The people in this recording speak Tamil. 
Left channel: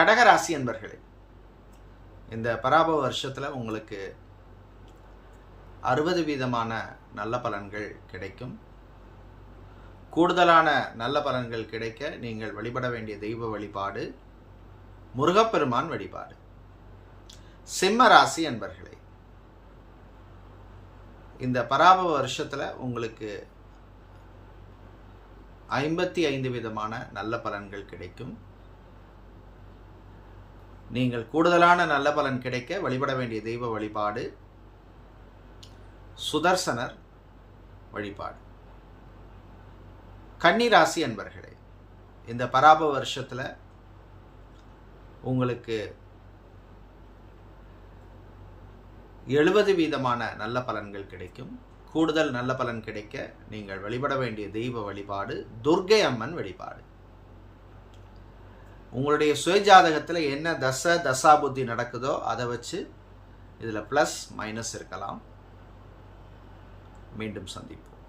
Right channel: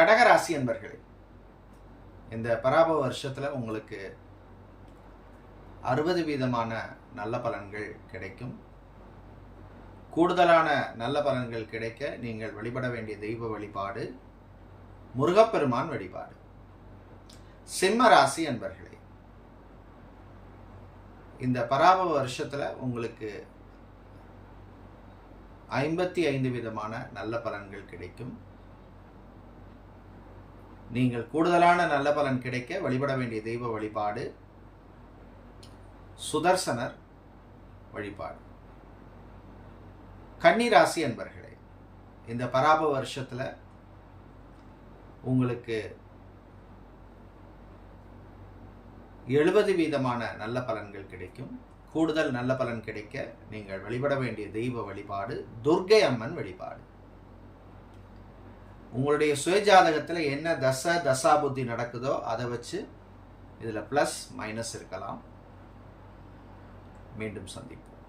கடகராசி அன்பர்களே, இந்த பராபவ வருஷத்தில் உங்களுக்கு 60% நல்ல பலன்கள் கிடைக்கும். கூடுதலான நல்ல பலன்கள் கிடைக்க நீங்கள் வழிபட வேண்டிய தெய்வ வழிபாடு முருகப்பெருமான் வழிபாடு. சிம்ம ராசி அன்பர்களே, இந்த பராபவ வருஷத்தில் உங்களுக்கு 55% நல்ல பலன்கள் கிடைக்கும். நீங்கள் கூடுதலான நல்ல பலன் கிடைக்க வழிபட வேண்டிய தெய்வ வழிபாடு சுதர்சனர் வழிபாடு. கன்னிராசி அன்பர்களே, இந்த பராபவ வருஷத்தில் உங்களுக்கு 70% நல்ல பலன்கள் கிடைக்கும். கூடுதல் நல்ல பலன் கிடைக்க நீங்கள் வழிபட வேண்டிய தெய்வ வழிபாடு துர்க்கை அம்மன் வழிபாடு. உங்களுடைய சுயஜாதகத்தில் என்ன தசா புத்தி நடக்குதோ அதை வச்சு இதில் ப்ளஸ் மைனஸ் இருக்கலாம். மீண்டும் சந்திப்போம்.